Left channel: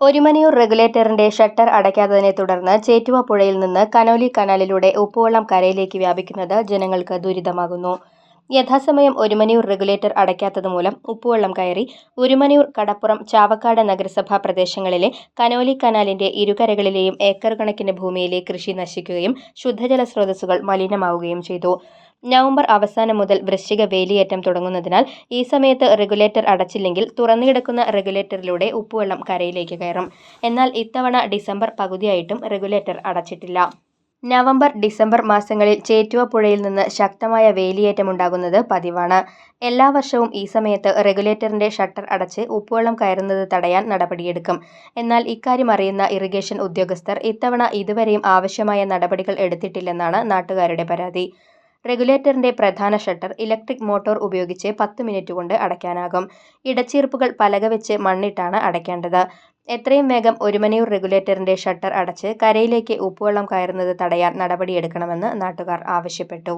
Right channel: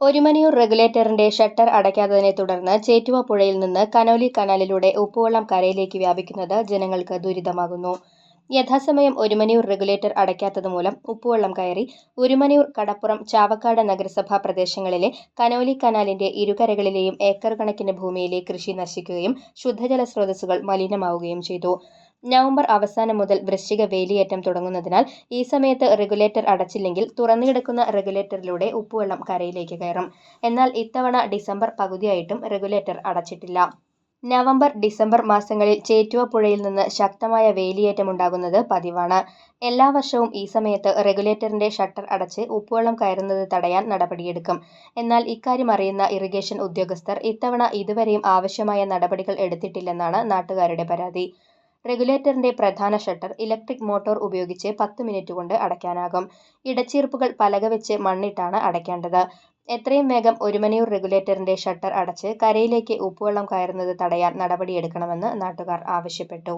ഒരുമനയൂർ റെഗുലേറ്ററിന്റെ ഷട്ടർ അടയ്ക്കാത്തതിനെ തുടർന്ന് ചേറ്റുവ പുഴയിൽ നിന്ന് കനോലി കനാലിലൂടെ ഉപ്പുവെള്ളം കരയിലേക്ക് വ്യാപിക്കുന്നത് ജനങ്ങൾക്ക് ദുരിതമാകുന്നു. യഥാസമയം ഒരുമനയൂർ റെഗുലേറ്റർ അടയ്ക്കാത്തതുമൂലം ഉപ്പുവെള്ളം കയറി ഒരുമനയൂർ, കടപ്പുറം, ചാവക്കാട് നഗരസഭാ പ്രദേശങ്ങളിലെ കനോലി കനാലിന്റെ ഇരുകരകളിലെയും ഏക്കർ കണക്കിന് ഭൂമിയിലെ കൃഷി നശിക്കുകയും ശുദ്ധജല സ്രോതസ്സുകൾ മലിനമാവുകയും ചെയ്തു. നവംബർ അവസാനം മുതൽ വൃശ്ചിക വേലിയേറ്റം തുടങ്ങുന്നതിനാൽ ഈ സമയത്ത് റെഗുലേറ്റർ അടച്ചില്ലെങ്കിൽ തുറന്നുകിടക്കുന്ന റെഗുലേറ്ററിലൂടെ ഉപ്പുവെള്ളം കരയിലേക്ക് കയറും. എന്നാൽ ഇത്തവണ ഡിസംബർ പകുതിയായിട്ടും റെഗുലേറ്റർ അടച്ചിട്ടില്ല. നവംബർ, ഡിസംബർ മാസങ്ങളിൽ ചേറ്റുവ പുഴയിൽ നിന്ന് ശക്തമായ വേലിയേറ്റമുണ്ടാകുന്നത് പതിവാണ്. എല്ലാ വർഷവും ഈ സമയത്ത് റെഗുലേറ്ററിന്റെ ഷട്ടർ അടച്ച് ഉപ്പുവെള്ളം കയറുന്നത് തടയാൻ നടപടിയെടുക്കും. എന്നാൽ ഇക്കാര്യം അറിയുന്ന ഇറിഗേഷൻ ഉദ്യോഗസ്ഥർ ഇത്തവണ ഇതുവരെയും ആവശ്യമായ നടപടികൾ എടുത്തിട്ടില്ലെന്നാണ് നാട്ടുകാരുടെ പരാതി. റെഗുലേറ്ററിന്റെ പ്രധാന ഷട്ടർ ഇലക്ട്രിക് മോട്ടോർ ഉപയോഗിച്ച് 10 മിനിറ്റ് കൊണ്ട് അടയ്ക്കാനാകും. ഇടച്ചീർപ്പുകൾ പലക വെച്ച് മണ്ണിട്ടാണ് അടയ്ക്കേണ്ടത്. എത്രയും വേഗം ഒരുമനയൂർ റെഗുലേറ്ററിന്റെ ഷട്ടർ അടച്ച് കരയിലേക്ക് ഉപ്പുവെള്ളം കയറുന്നത് തടയാൻ നടപടിയെടുക്കണമെന്ന് നാട്ടുകാർ ആവശ്യപ്പെട്ടു.